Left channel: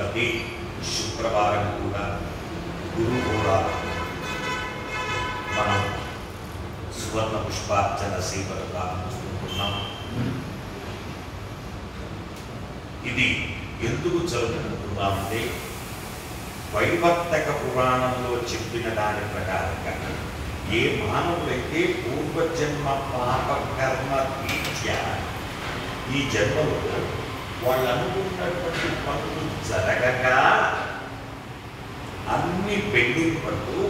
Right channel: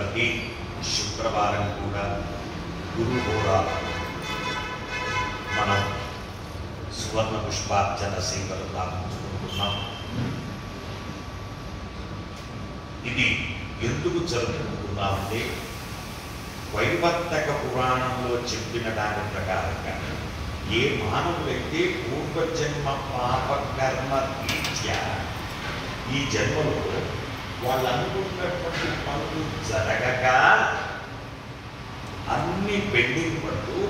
ప్రతి శుక్రవారం కూడా గురుహోరా మనం సువర్ణ పుష్పార్చన సేవలు ప్రారంభించుకుంటున్నాం. ఇది ఎందుకు జరుపుకుంటున్నామంటే వైవర్తక పురాణంలో చెప్పిన దాని ప్రకారంగా ఏ మానవులైతే పూర్వజన్మ పాపకర్మ రీత్యా ఈ జన్మలో వాళ్ళు అనుకున్నటువంటి పనులు జరగక అన్ని పెండింగ్ పడుతూ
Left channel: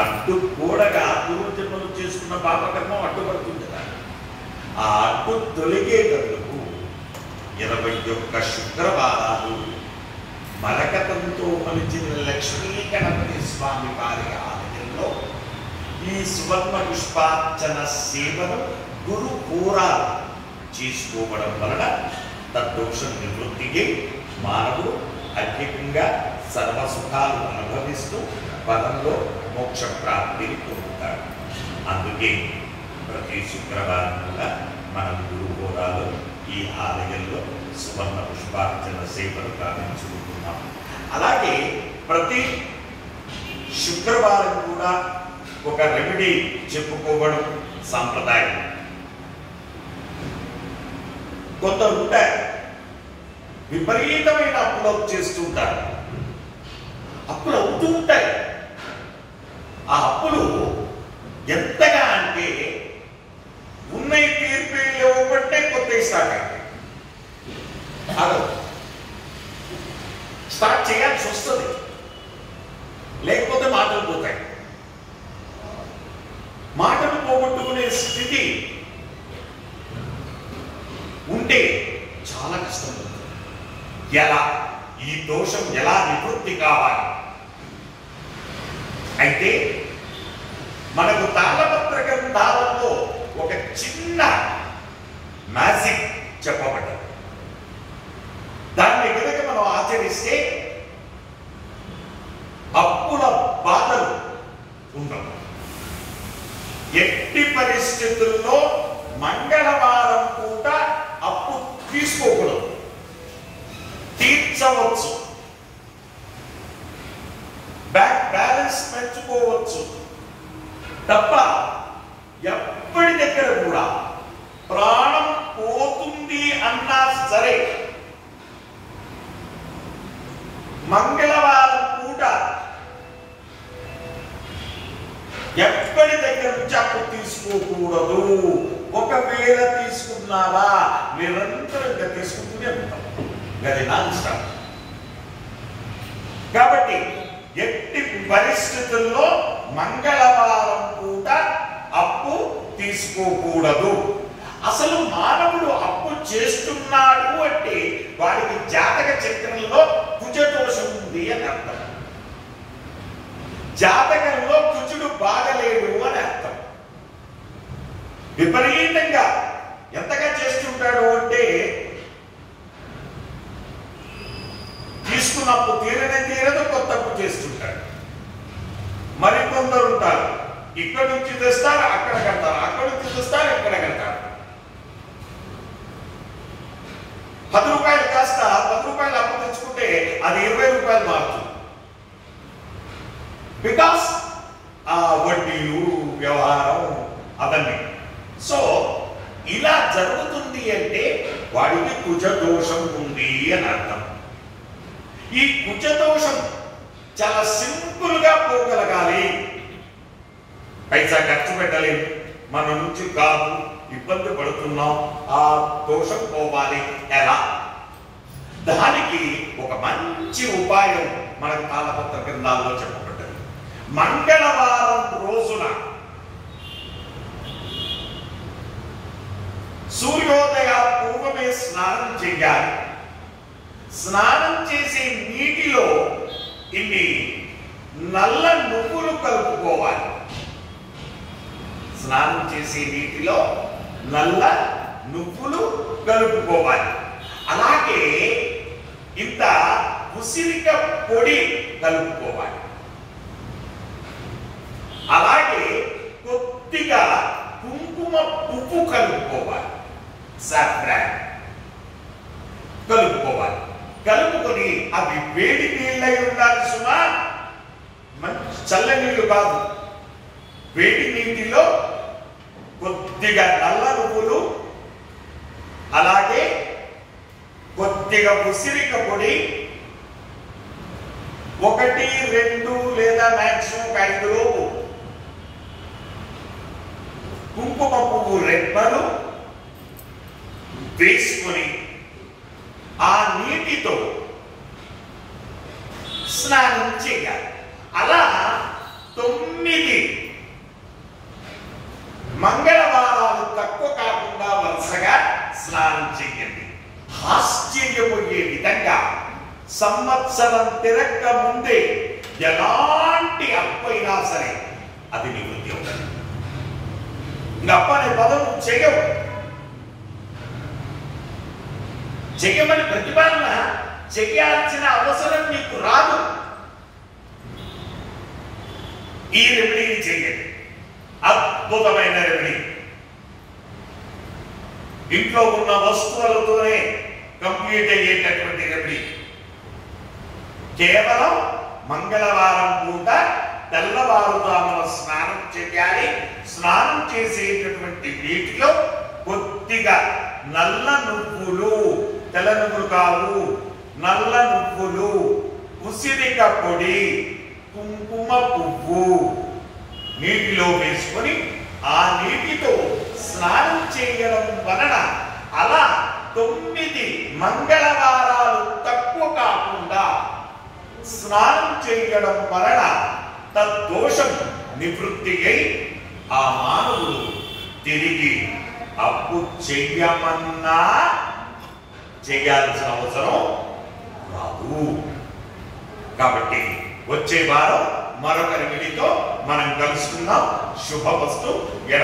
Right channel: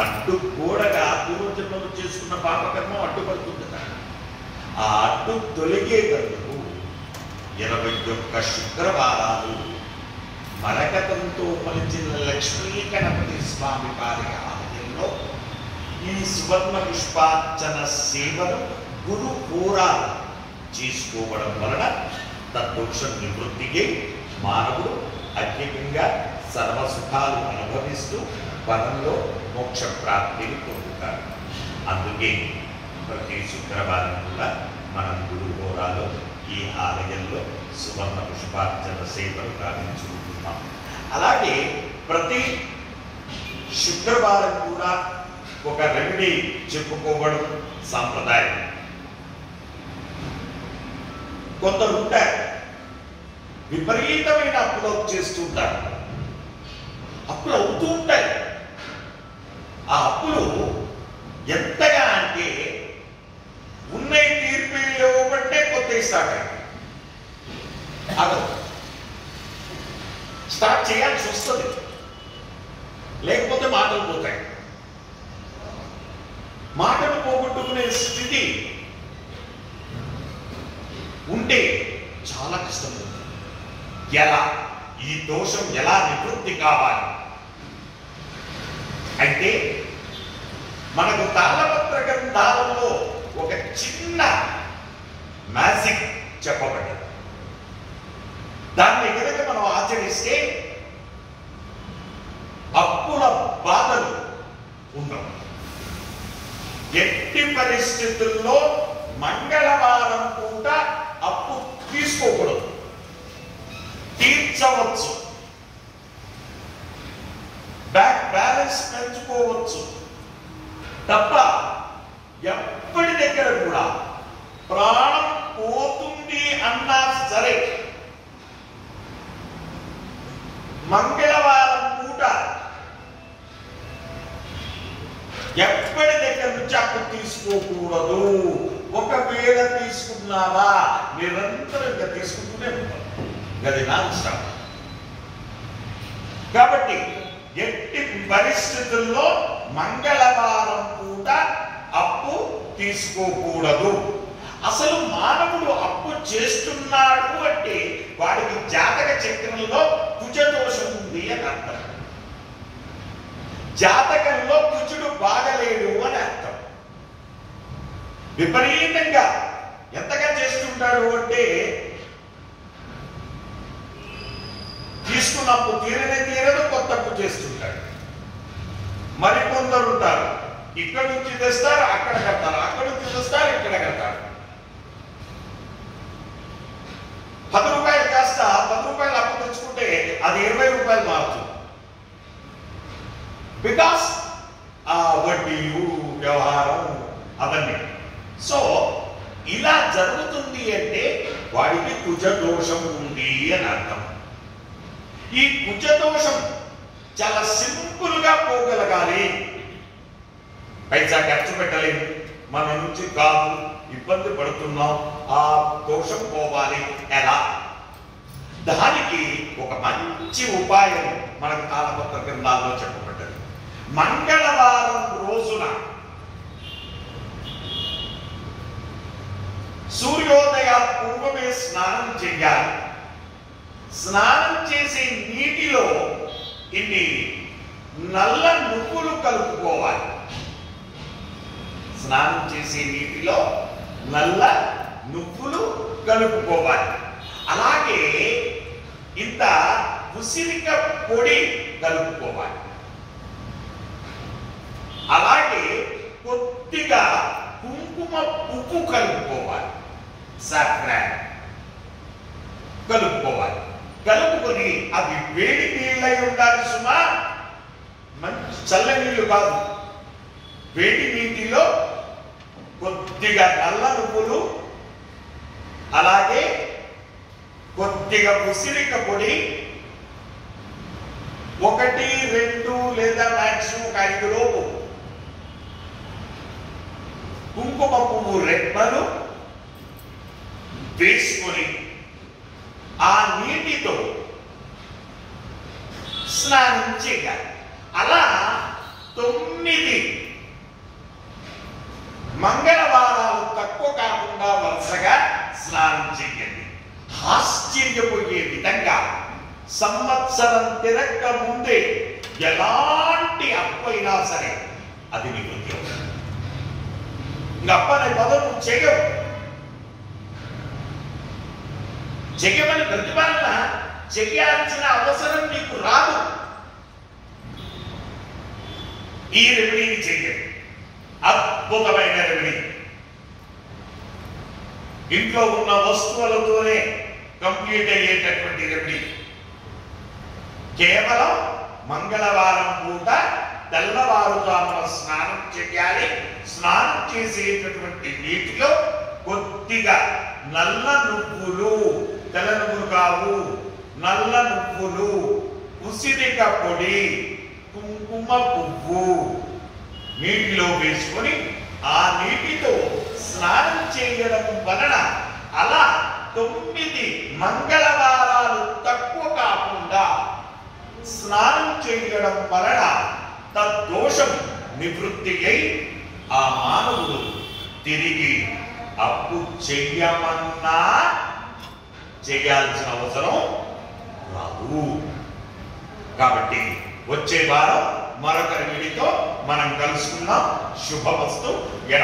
అడ్డుకూడగా పూర్వజన్మలు చేసుకున్న పాపకర్మ అడ్డుపడుతుంది కదా. ఆ అడ్డు తొలగేటందుకు 21 శుక్రవారాలు మరకతంతో మలిచిన లక్ష్మీ గణపతి స్వామి వారి ఆలయంలో ఈ సువర్ణ పుష్పార్చన సేవను గురు హోరాలు చేసుకోవడం వలన తద్దోష నివృత్తికి మానవుడు అధికంగా సర్వసుఖాలు అనుభవిస్తూ పరంలో మోక్ష ప్రాప్తిని పొందుతాడు. అందుకే ప్రతి శుక్రవారం కూడా మనం గురు హోరాలో ఈ ఆలయంలో సువర్ణ పుష్పార్చన సేవలు ప్రారంభించుకుంటున్నాం. అలాగే ప్రతి శుక్రవారం కూడా ఒక రెమెడీ చెప్పుకోవడం సాంప్రదాయం. కొందరు ఉంటారు విపరీతమైన అప్పులు చేస్తుంటారు, అప్పులు అవుతూ ఉంటాయి. ఆ అప్పులు ఎంతగా అంటే ఉన్నాయి తీర్పు ఇవ్వబట్టే కొత్త స్టార్ట్ చేయాల్సి వస్తుంది, లేకపోతే మాటలు పోతాయి. మాటలు పోగొట్టుకునే స్థితి ఉంటే చాలా కష్టం అవుతుంది. ఎలా ఈ దోషం ఎలా నివృత్తి కావాలి అయితే మనకు తాళపత్ర గ్రంథాలలో ఒక చిన్న మ్యాజిక్ చెప్పబడ్డది. దాన్ని ఎదురుగా మనం ఆచరిస్తే అప్పుల బాధలు ఉండవు. ఎట్టి పరిస్థితుల్లో మంగళవారం పూట అప్పు తీసుకోకూడదు, తీర్చవచ్చు, బ్యాంక్ బ్యాలెన్స్ పెంచుకోవచ్చు తప్ప ఎప్పటి దగ్గర కూడా ప్రాణం పోతుంది అన్నా సరే మంగళవారం పూట ఎప్పటి దగ్గర నుంచి అప్పు తీసుకోకూడదు. ఒకవేళ తీసుకున్నావా నిరంతరంగా తీసుకుంటూనే ఉంటాం, అది నాన్ స్టాప్. కాబట్టి ఎట్టి పరిస్థితుల్లో మంగళవారం పూట అప్పు తీసుకోకూడదు. అసలు మానవుడు అప్పు చేస్తున్నాడు అంటే వాడికి జాతక చక్రంలో కుజదోషం ఉంది అని అర్థం. జాతకంలో కుజుడు బాగలేడు అని అర్థం. విపరీతంగా ఎంతగా చేస్తుంటాడు అంటే తీసుకున్నప్పుడు తీరదు, కొత్త అప్పు చేస్తుంటాడు. మరికొందరు ఉంటారు ఇక్కడ నుంచి తెస్తారు అక్కడ కడతారు, అక్కడ నుంచి తెస్తారు ఇక్కడ కడతారు. 10 రూపాయలు కాస్త 10 రూపాయలు అప్పు తెచ్చుకుంటే అది 20 రూపాయలు మారుతుంది. బికాస్ ఆ వడ్డీలు వ్యవహారం అవన్నీ. సో ఇలా జరుగుతుంది అంటే వాడికి కుజదోషం ఉంది అని అర్థం. ఈ కుజదోషం చాలా సింపుల్ గా పోగలగాలి. పైసా ఖర్చు పెట్టలేదు, మన నుంచి కాదు, ఇబ్బంది పడుతున్నాం, ఆ దోషం పోవాలి ఎలా? దానికి ఒక మంచి ఉపాయం మనకు తాళపత్ర గ్రంథాల్లో చెప్పబడ్డది. మంగళవారం రోజున సూర్యోదయ పూర్వమే స్నానం చేయాలి. స్నానం చేసే నీటిలో ఇన్ని నల్ల నువ్వులు కలుపుకోవాలి. స్నానం చేసే నీటిలో నల్ల నువ్వులు కలుపుకోవాలి. అలాగే ఇంత ఉసిరిక పొడి కలుపుకోవాలి. అలాగే కొద్దిగా కుంకుమ పువ్వు కలుపుకోవాలి, సాఫ్రాన్ కలుపుకోవాలి. కలుపుకొని కలుపుకొని, అవి వేడి నీళ్ళై ఉండాలి సుమా, మంచి చల్ల నీళ్లు కాదు. వేడి నీటిలో కొద్దిగా నల్ల నువ్వులు, అలాగే కొద్దిగా ఉసిరిక పొడి, 1, 2 లేదా మాక్సిమం 5 లోపు కుంకుమ పువ్వు రెబ్బలు వేసుకొని ఆ నీటితో స్నానం చేయాలి. అలా 9 మంగళవారాలు తక్కువ కాకుండా వరుసగా స్నానం చేయండి. ఆశ్చర్యపోయే విధంగా సంవత్సరం తిరక్క ముందే ఎలాంటి అప్పైనా సరే అది నివృత్తి అవుతుంది. ఇంకా అప్పనే పదం చెయ్యవు. చెయ్యమని ప్రతిపాదన చెయ్యాల్సిన అవసరం నీకు రాదు. ఈ రెమెడీని చెయ్యండి. అద్భుతమైన రెమెడీ. ఇంట్లో ఉన్న వస్తువులతోనే కంప్లీట్ అయ్యేటటువంటి రెమెడీ. కేవలం మంగళవారం పూట తెల్లవారుజామున స్నానం చేయాలి. స్నానం చేసేటటువంటి నీటిలో కొద్దిగా నల్ల నువ్వులు, తెల్ల నువ్వులు కావు, నల్ల నువ్వులు, ఉసిరిక పొడి, కుంకుమ పువ్వు నీటిలో వేసుకొని ఆ నీటితో స్నానం చేయడం వలన అలా 9 మంగళవారాలు తక్కువ కాకుండా స్నానం చేయడం వలన తద్దోషం నివృత్తి అయి ఆ మానవుడు తిరిగి అప్పు చెయ్యమన్నా చేయాల్సిన అవసరం రాదు. కాబట్టి వచ్చే వారం మరొక రెమెడీతో మనం కలుసుకుందాం. శుభమస్తు.